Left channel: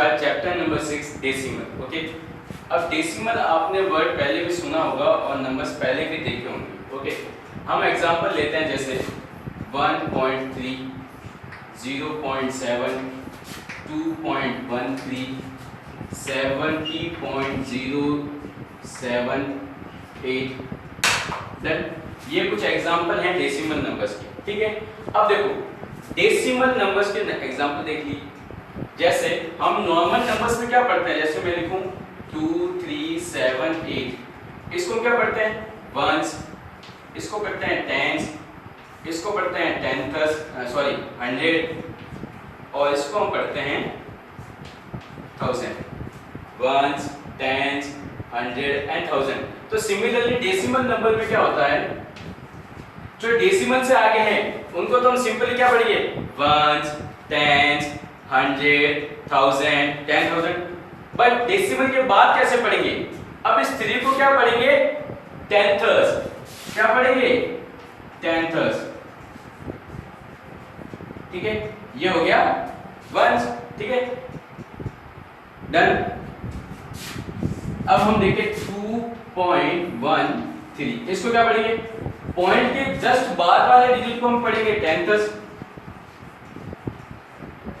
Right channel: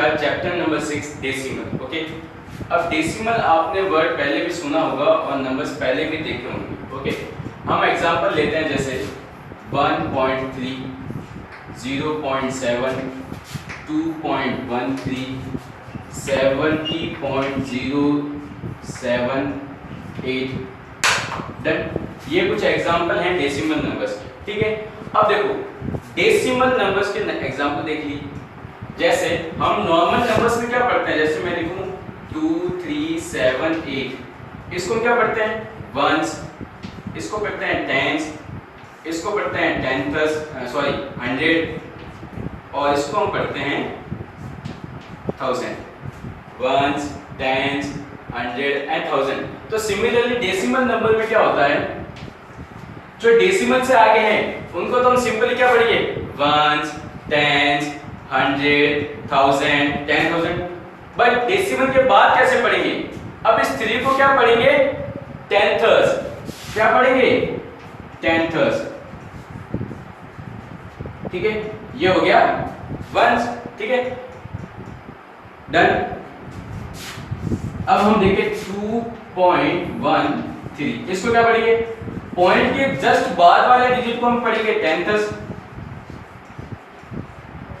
नमस्कार, chapter number 6 decimal. Okay, अब decimal आपने वर्ड पहले भी सुना होगा और नंबर्स पहले भी देखे होंगे। ओके, हम एग्जांपल लेते हैं जैसे 1.3, 0.7, 2.13, 70.078। डन। ये कुछ एग्जांपल हैं डेसिमल नंबर्स के। ठीक है, अब देखो डेसिमल नंबर्स के एग्जांपल देख ली। जैसे हम नॉर्मल नंबर्स में क्या पढ़ते हैं, जैसे मैं लिखूं 2, 3, 7, 8, इसको क्या पढ़ते हैं वंस, इसको पढ़ते हैं टेंस, इसको पढ़ते हैं टेंथस, सॉरी 100, और इसको हम पढ़ते हैं 1000। Ones, tens, 100 and 1000। तो सिमिलरली डेसिमल नंबर में क्या होता है, जो डेसिमल से आगे हैं उनको तो हम सिंपली क्या पढ़ेंगे वंस, टेंस, 100, 1000, 10,000। बट डेसिमल के बाद कैसे पढ़ेंगे, अब इस 3 को क्या पढ़ेंगे टेंथर्स, क्या पढ़ेंगे टेंथर्स। ठीक है, ये हो गया वंस। ठीक है, डन। अब हम देखें 2.13, इसको क्या पढ़ेंगे, पॉइंट के जस्ट बाद वाले डिजिट को हम पढ़ेंगे टेंथस,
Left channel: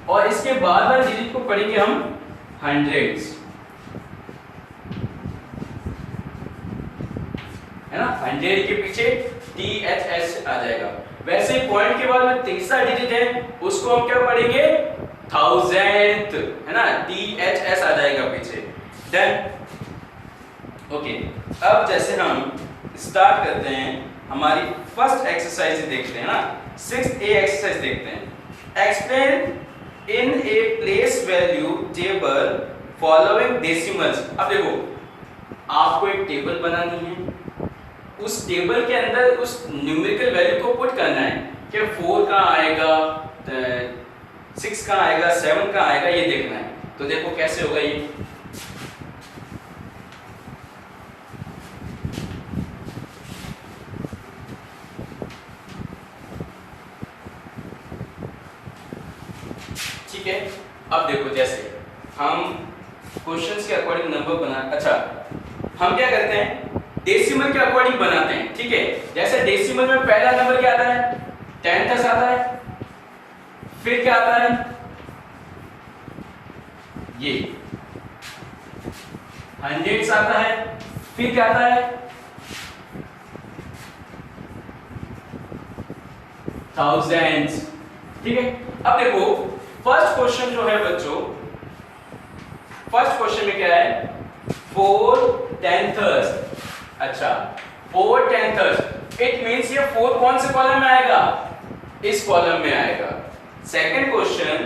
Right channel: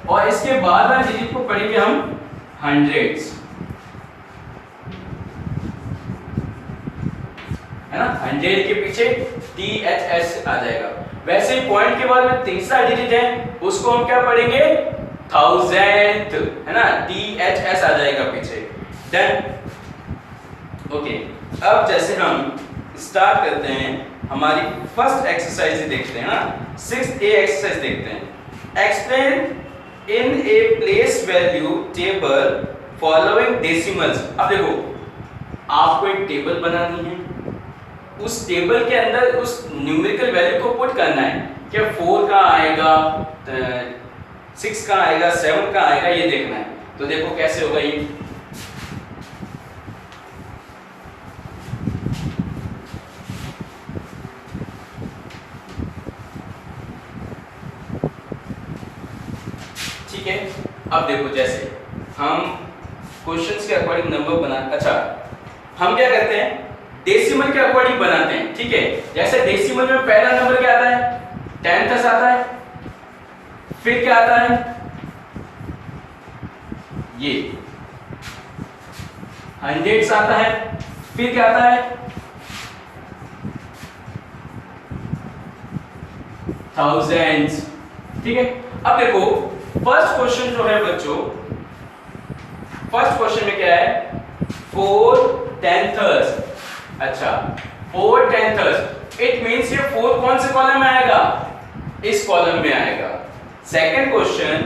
और इसके बाद वाले डिजिट को पढ़ेंगे हम हंड्रेड्स, है ना। 100 के पीछे THS आ जाएगा। वैसे ही पॉइंट के बाद में तीसरा डिजिट है उसको हम क्या पढ़ेंगे थाउजेंथ, है ना, THS आ जाएगा पीछे। डन। ओके, अब जैसे हम स्टार्ट करते हैं हमारी फर्स्ट एक्सरसाइज देखते हैं ना, 6A एक्सरसाइज देखते हैं। Explain in a place value table following decimals. अब देखो आपको एक टेबल बनानी है, उस टेबल के अंदर उस न्यूमेरिकल वैल्यू को पुट करना है कि 4 का आएगा, 6 का आएगा, 7 का आएगा, ये देखना है। तो देखो कैसे होगा ये। ठीक है, अब देखो जैसे हम क्वेश्चंस के अकॉर्डिंग नंबर बना, अच्छा हम क्या करते हैं डेसिमल के अकॉर्डिंग बनाते हैं। ठीक है, जैसे डेसिमल में पहला नंबर क्या आता है टेंथस आता है, फिर क्या आता है ये हंड्रेड्स आता है, फिर क्या आता है थाउजेंड्स। ठीक है, अब देखो फर्स्ट क्वेश्चन जो है बच्चों, फर्स्ट क्वेश्चन में क्या है 4 टेंथर्स। अच्छा 4 टेंथर्स, इट मींस ये 4 कौन से कॉलम में आएगा, इस कॉलम में आएगा। सेकंड क्वेश्चन,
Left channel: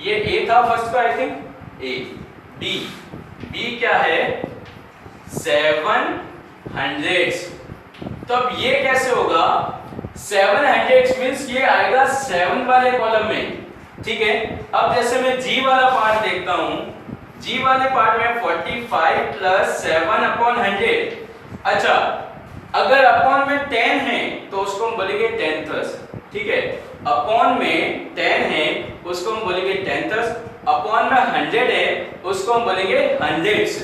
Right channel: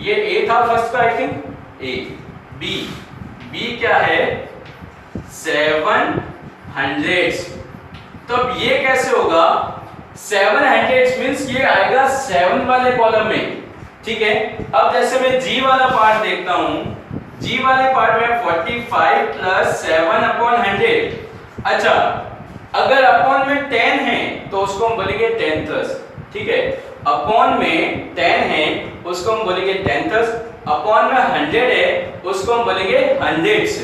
ये ए था फर्स्ट का, I think A. B, B क्या है 7 हंड्रेड्स। तो अब ये कैसे होगा 7 हंड्रेड्स मींस ये आएगा 7 वाले कॉलम में। ठीक है, अब जैसे मैं जी वाला पार्ट देखता हूं, जी वाले पार्ट में 45 प्लस 7 अपॉन 100। अच्छा अगर अपॉन में 10 है तो उसको हम बोलेंगे टेंथस। ठीक है, अपॉन में 10 है उसको हम बोलेंगे टेंथस, अपॉन में 100 है उसको हम बोलेंगे हंड्रेड्स।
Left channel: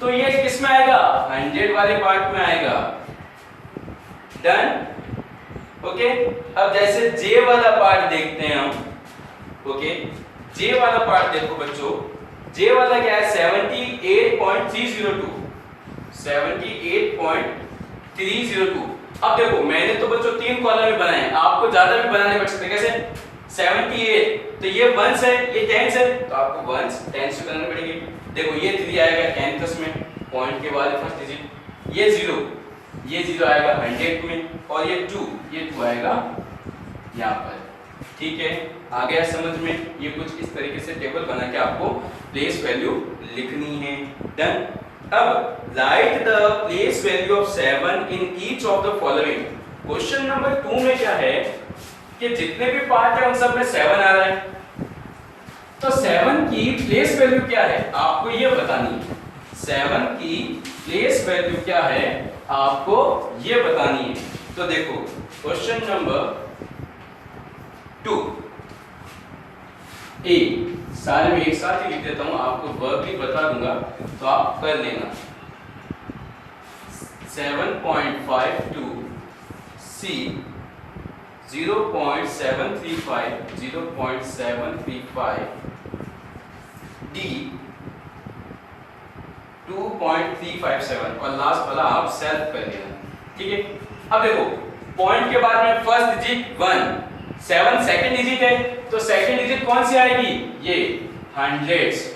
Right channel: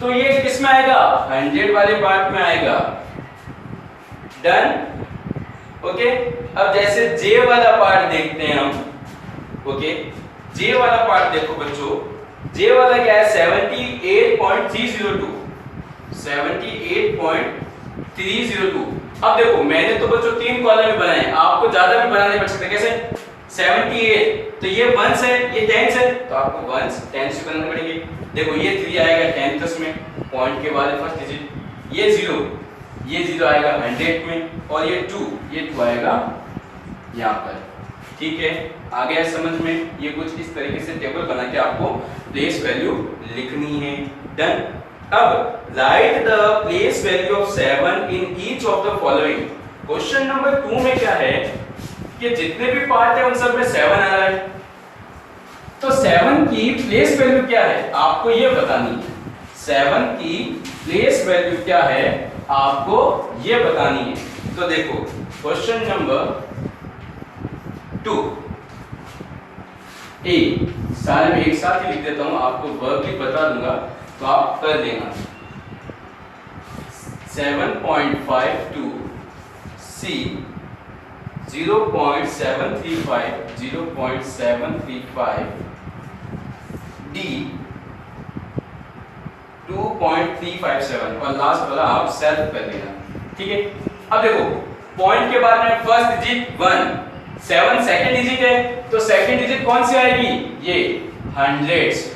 तो ये किस में आएगा 100 वाले पार्ट में आएगा। डन। ओके, अब जैसे जे वाला पार्ट देखते हैं हम। ओके, जे वाला पार्ट देखो बच्चों, जे वाला क्या है 78.302, 78.302। अब देखो मैंने तो बच्चों 3 कॉलम में बनाए, आपको ज्यादा भी बनाने पड़ सकते हैं। कैसे 78, तो ये वंस है, ये टेंस है, तो आपको वंस टेंस भी बनाने पड़ेंगे। देखो ये 3 आएगा टेंथस में, पॉइंट के बाद फर्स्ट डिजिट, ये 0, ये 0 आएगा 100 में, और ये 2 आएगा यहाँ पर। ठीक है, आ गया समझ में। ये कुछ इस तरीके से टेबल बना के आपको प्लेस वैल्यू लिखनी है। डन। अब right the place value of 7 in each of the following. Question number 2 में क्या है कि जितने भी पार्ट है उन सब में 7 आ रहा है, तो 7 की प्लेस वैल्यू क्या है आपको ये बतानी है। 7 की प्लेस वैल्यू क्या है आपको ये बतानी है। तो देखो क्वेश्चन नंबर 2 A सारे में एक साथ ही लिख देता हूँ, आपको वर्क भी बता दूंगा तो आप कर लेना। 7.52 C 0.735 D 2.357 और लास्ट वाला आप सेल्फ कर लेना, ठीक है। अब देखो पॉइंट के बाद में फर्स्ट डिजिट 1, 7 सेकंड डिजिट है तो सेकंड डिजिट कौन सी आएगी, ये हंड्रेड्स,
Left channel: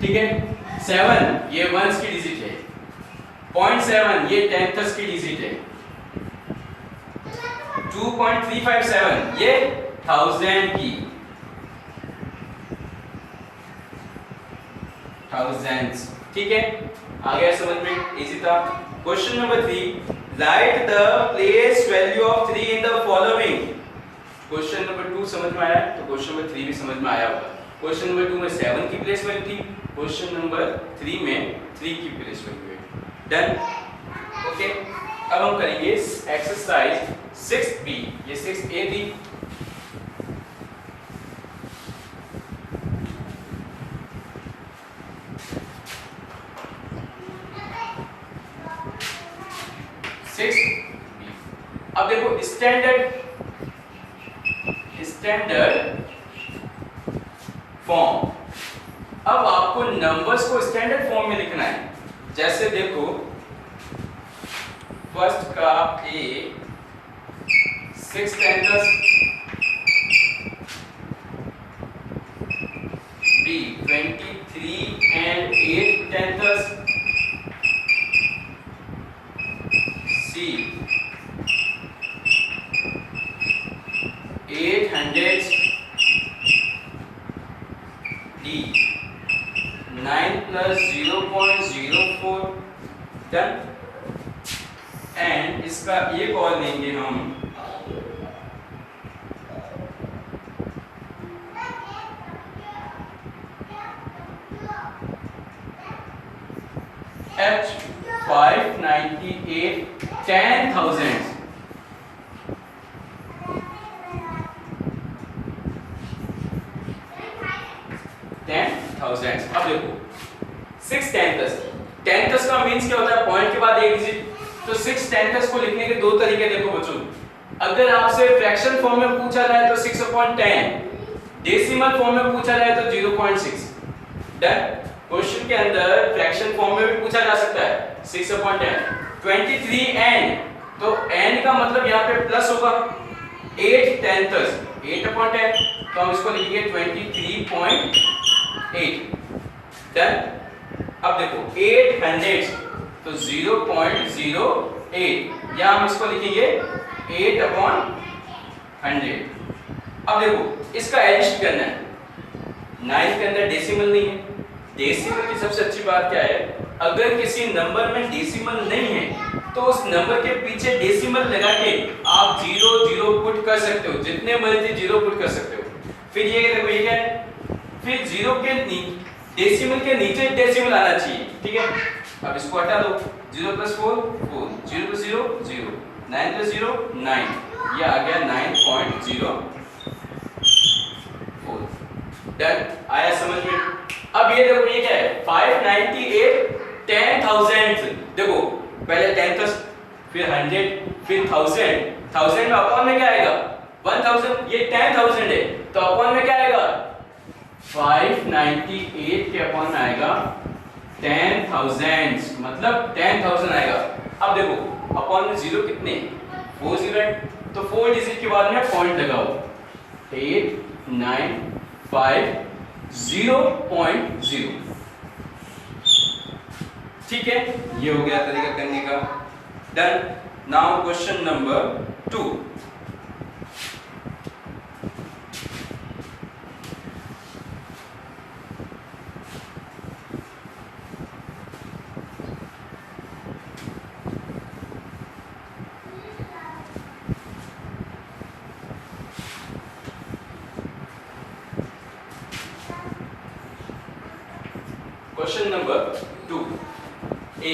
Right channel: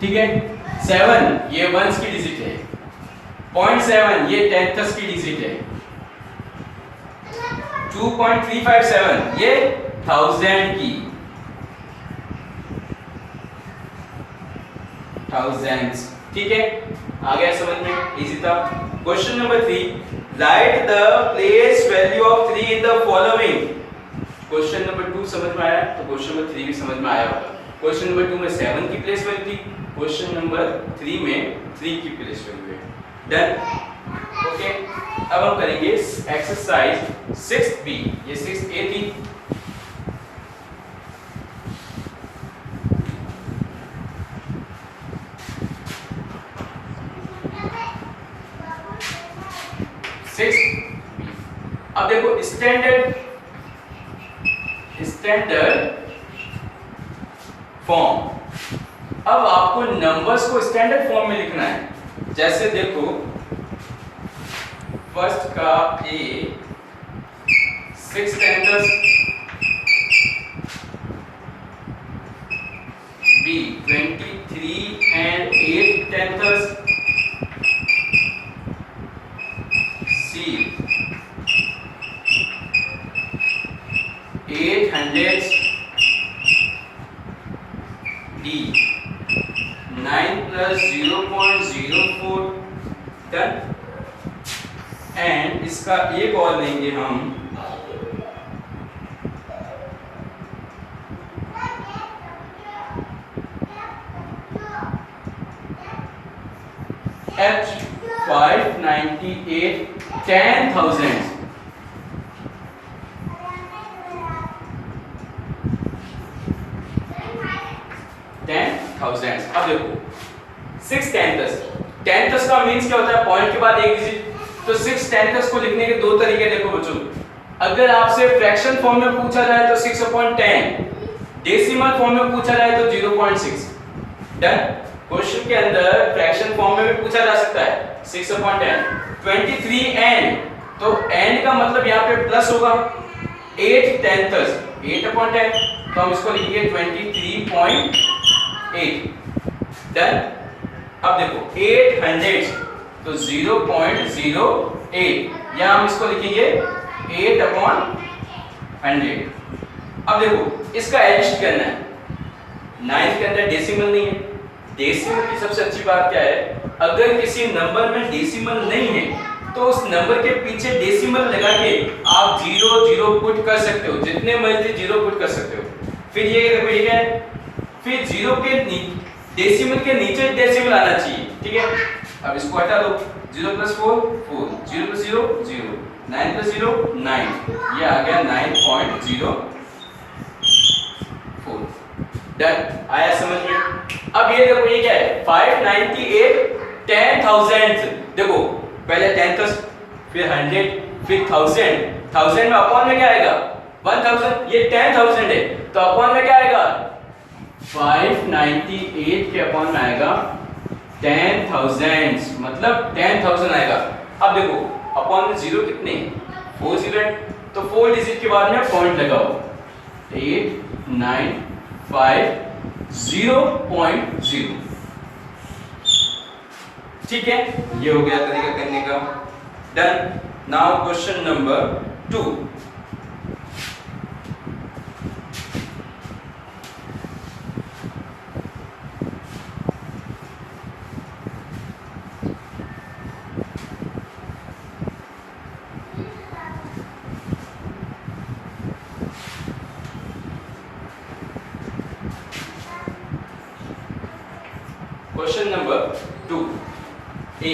ठीक है। 7 ये वंस की डिजिट है, 0.7 ये टेंथ्स की डिजिट है, 2.357 ये थाउजेंड की, थाउजेंड्स, ठीक है। आ गया समझ में, इजी था। Question number 3, right the place value of 3 in the following. Question number 2 समझ में आया तो क्वेश्चन नंबर 3 भी समझ में आया होगा। क्वेश्चन नंबर 2 में 7 की प्लेस वैल्यू थी, क्वेश्चन नंबर 3 में 3 की प्लेस वैल्यू है। Done, okay. अब हम करेंगे एक्सरसाइज 6B, ये 6A थी। अब देखो स्टैंडर्ड फॉर्म, अब आपको नंबर्स को स्टैंडर्ड फॉर्म में लिखना है। जैसे देखो फर्स्ट का A 6 टेंथर्स, B 23 and 8 टेंथर्स, C 8 hundredths, D 9 plus 0.04, done. And इसका एक और लेंगे हम, H 598 10,000, अब देखो 6 टेंथस का मींस क्या होता है, पॉइंट के बाद एक डिजिट। तो 6 टेंथस को लिखने के दो तरीके देखो बच्चों। अगर आपसे फ्रैक्शन फॉर्म में पूछा जाए तो 6/10, डेसिमल फॉर्म में पूछा जाए तो 0.6। डन। क्वेश्चन के अंदर फ्रैक्शन फॉर्म में भी पूछा जा सकता है 6/10। 23 एंड, तो एंड का मतलब यहाँ पे प्लस होगा। 8 टेंथस 8/10, तो हम इसको लिखेंगे 23.8। डन। अब देखो 8 हंड्रेड्स, तो 0.08, या हम इसको लिखेंगे 8/100। अब देखो इसका एडिशन करना है। 9 के अंदर डेसिमल नहीं है। डेसिमल की सबसे अच्छी बात क्या है, अगर किसी नंबर में डेसिमल नहीं है तो उस नंबर के पीछे डेसिमल लगा के आप 0 पुट कर सकते हो, जितने मर्जी 0 पुट कर सकते हो। फिर ये देखो ये क्या है, फिर 0 के डेसिमल के नीचे डेसिमल आना चाहिए, ठीक है। अब इसको हटा दो, 0 + 4 4, 0 + 0 0, 9 + 0 9, ये आ गया 9.04। डन, आया समझ में। अब ये देखो ये क्या है, 598 10,000। देखो पहले टेंथस, फिर 100, फिर 1000। 1000 में अपॉन में क्या आएगा 1000, ये 10,000 है तो अपॉन में क्या आएगा 598 के अपॉन में आएगा 10,000, मतलब 10,000 आएगा। अब देखो अपॉन में 0 कितने 4 0 है, तो 4 डिजिट के बाद में पॉइंट लगाओ, 8 9 5 0.0, ठीक है। ये हो गया तरीका करने का। Done. Now question number 2। Question number 2 A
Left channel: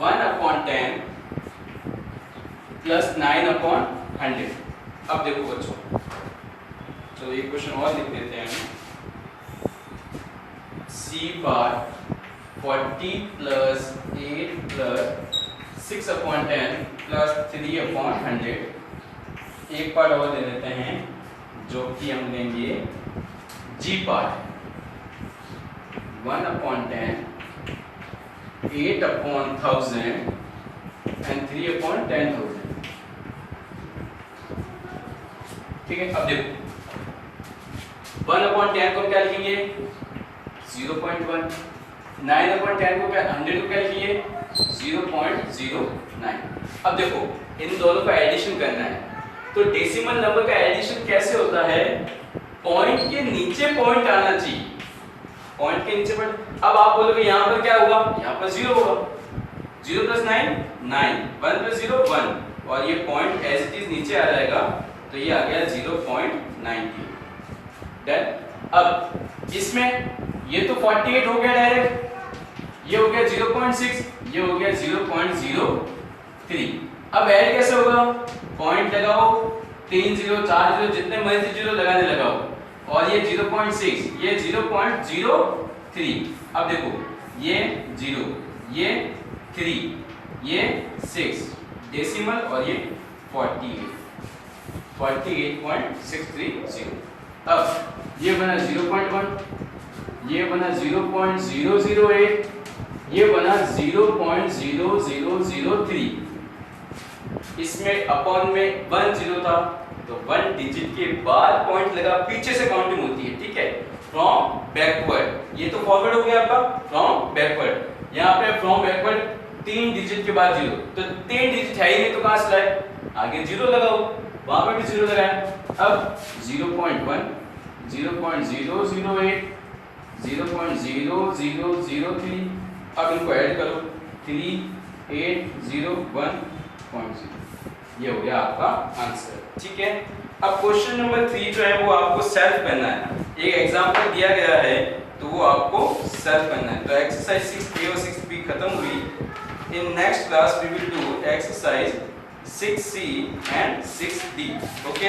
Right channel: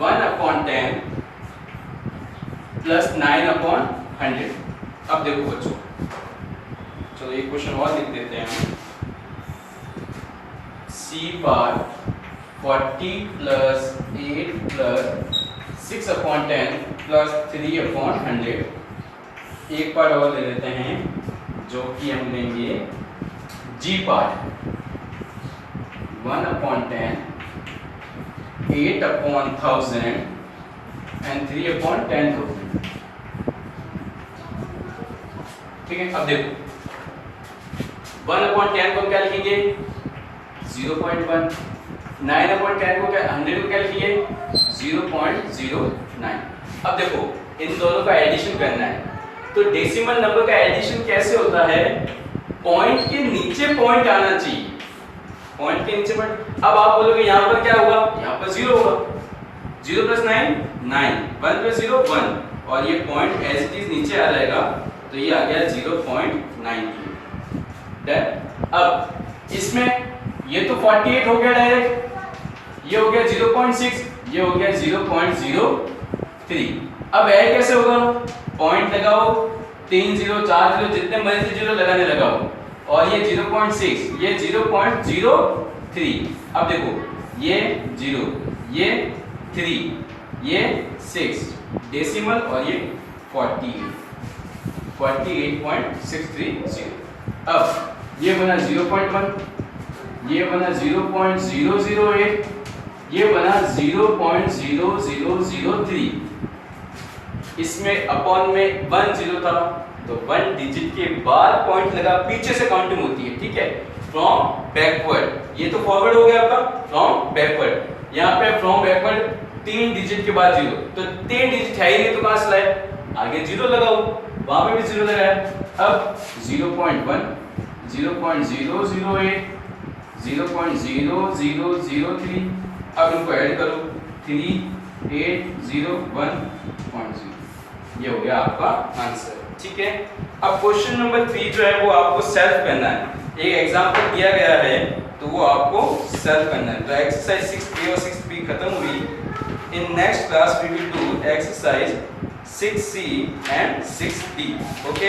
1/10 + 9/100। अब देखो बच्चों, चलो एक क्वेश्चन और लिख देते हैं हम। C बार 40 प्लस 8 प्लस 6/10 प्लस 3/100, एक पार्ट और ले लेते हैं जो कि हम लेंगे G पार्ट 1/10 8/1000 एंड 3/10,000। ठीक है, अब देखो 1/10 को क्या लिखेंगे 0.1, 9/10 को क्या 100 को क्या लिखिए 0.09। अब देखो इन दोनों का एडिशन करना है, तो डेसिमल नंबर का एडिशन कैसे होता है, पॉइंट के नीचे पॉइंट आना चाहिए, पॉइंट के नीचे पॉइंट। अब आप बोलोगे यहाँ पर क्या होगा, यहाँ पर 0 होगा, 0 + 9 9, 1 + 0 1, और ये पॉइंट एज इट इज नीचे आ जाएगा, तो ये आ गया 0.93। डन। अब इसमें ये तो 48 हो गया डायरेक्ट, ये हो गया 0.6, ये हो गया 0.03। अब ऐड कैसे होगा, पॉइंट लगाओ, 3 0 4 0 जितने मर्जी जीरो लगाने लगाओ, और ये 0.6, ये 0.03। अब देखो ये 0, ये 3, ये 6 डेसिमल, और ये 48.630। अब ये बना 0.1, ये बना 0.008, ये बना 0.0003। इसमें अपॉन में 1 0 था, तो 1 डिजिट के बाद पॉइंट लगा, पीछे से काउंटिंग होती है, ठीक है, फ्रॉम बैकवर्ड। ये तो फॉरवर्ड हो गया आपका, फ्रॉम बैकवर्ड। यहाँ पे फ्रॉम बैकवर्ड 3 डिजिट के बाद 0, तो 3 डिजिट है ही नहीं, तो कहां से लाए, आगे 0 लगाओ, वहां पे भी 0 लगाया। अब 0.1, 0.008, 0.0003, अब इनको ऐड करो, 3801.0, ये हो गया आपका आंसर। ठीक है, अब क्वेश्चन नंबर 3 जो है वो आपको सेल्फ करना है। एक एग्जांपल दिया गया है तो वो आपको सेल्फ करना है। तो एक्सरसाइज 6A और 6B खत्म हुई। In next class we will do exercise 6C and 6D। Okay.